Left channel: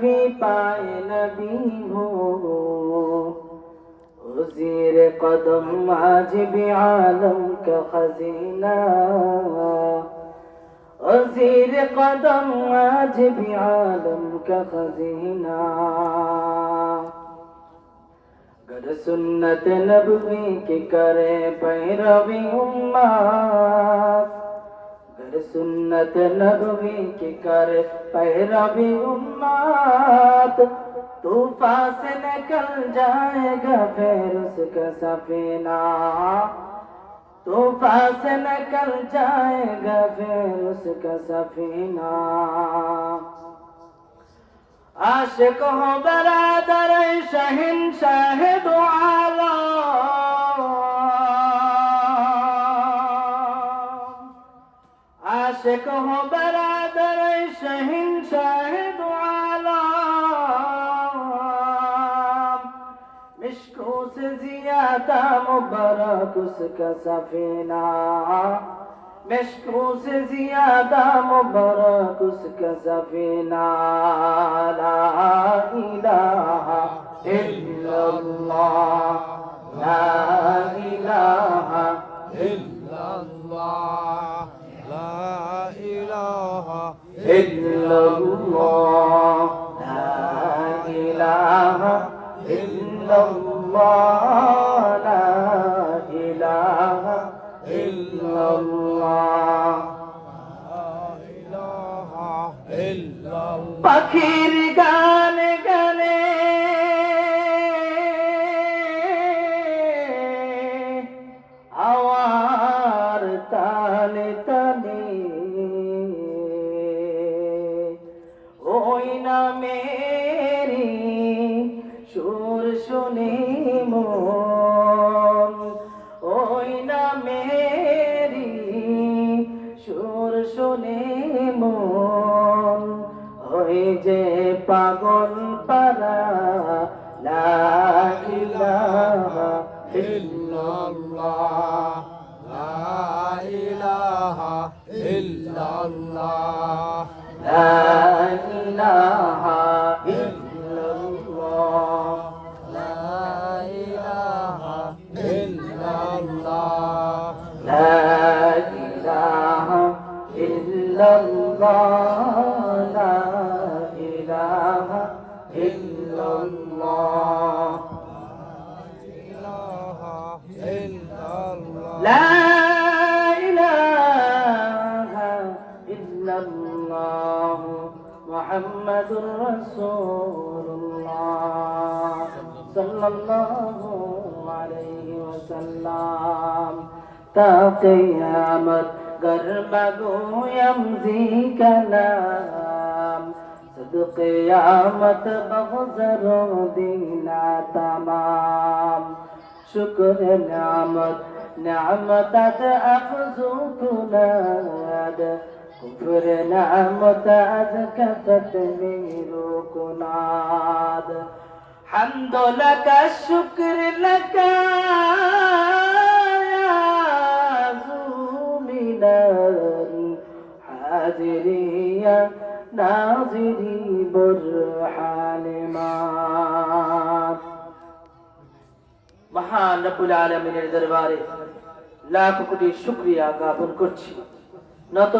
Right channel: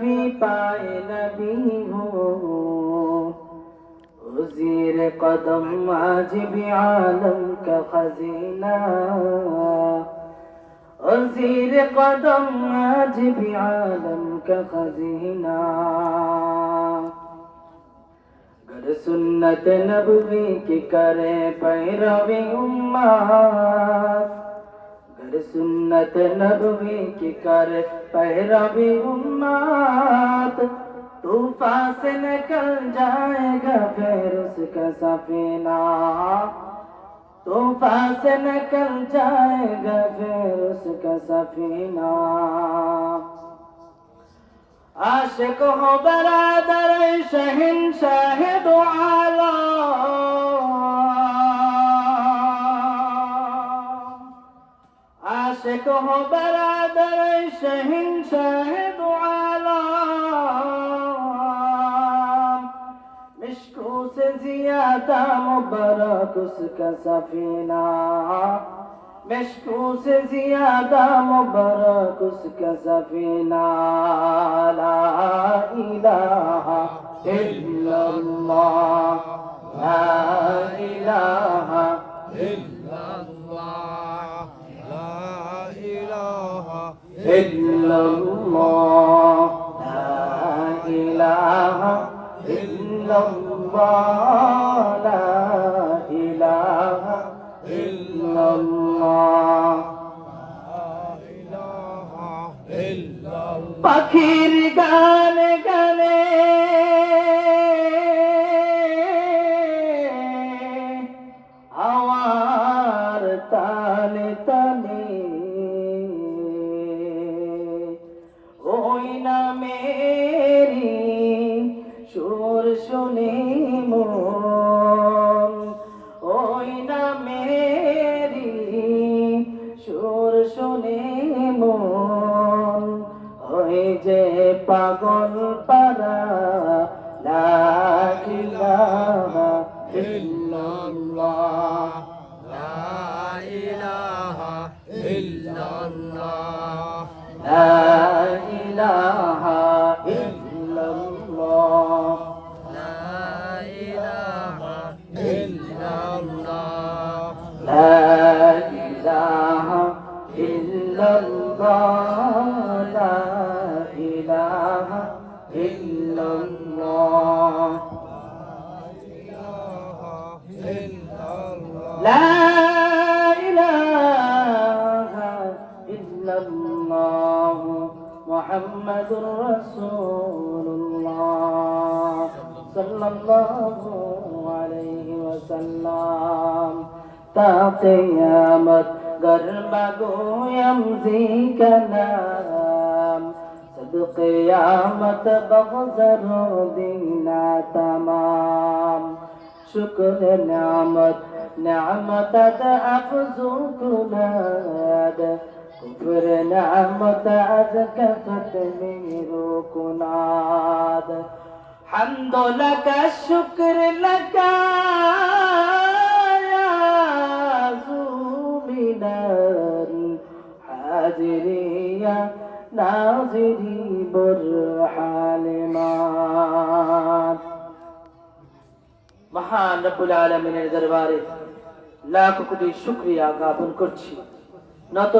भी पाए नबी हो ज़ीर कदम आज भी आलम का खजीना ज़ीर कदम आज भी आलम का खजीना गर सुन्नत नबवी की करे पैरवी उम्मत गर सुन्नत नबवी की करे पैरवी उम्मत तूफान से निकल जाएगा फिर उसका सफीना तूफान से निकल जाएगा फिर उसका सफीना आशिक हो बरादर शहंशाह दो आलम आशिक हो बरादर शहंशाह दो आलम मिश्कों से ज़्यादा मुबारक उसका सफीना मिश्कों से ज़्यादा मुबारक उसका सफीना ला इलाहा इल्लल्लाह ला इलाहा इल्लल्लाह ला इलाहा इल्लल्लाह ला इलाहा इल्लल्लाह ला इलाहा इल्लल्लाह পাখির গান গানে আওয়ার তানে তানে ওই না মেরি সুর শুনে মন ওই না মেরি সুর শুনে মন ওই যে পাগল পারা লা ইলাহা ইল্লাল্লাহ লা ইলাহা ইল্লাল্লাহ লা ইলাহা ইল্লাল্লাহ লা ইলাহা ইল্লাল্লাহ লা ইলাহা ইল্লাল্লাহ লা ইলাহা ইল্লাল্লাহ লা ইলাহা ইল্লাল্লাহ মুহাম্মাদুর রাসূলুল্লাহ সাল্লাল্লাহু আলাইহি ওয়াসাল্লাম তা কিয়ামত गरबा गोयम का नाम सद क़यामत बग़ज़रो दीना तमाम शुक्र नामत नामत अफ़ज़ू कुनाद कुफ्र नामत अज़ कफ़त मेरो कुनाद हम्द लका शुक्र लका हाजिरिया नाजिरी बुरहान मान महान रब्बुल आलमीনের দরবারে লাখ কোটি শুকরিয়া জ্ঞাপন করছি নত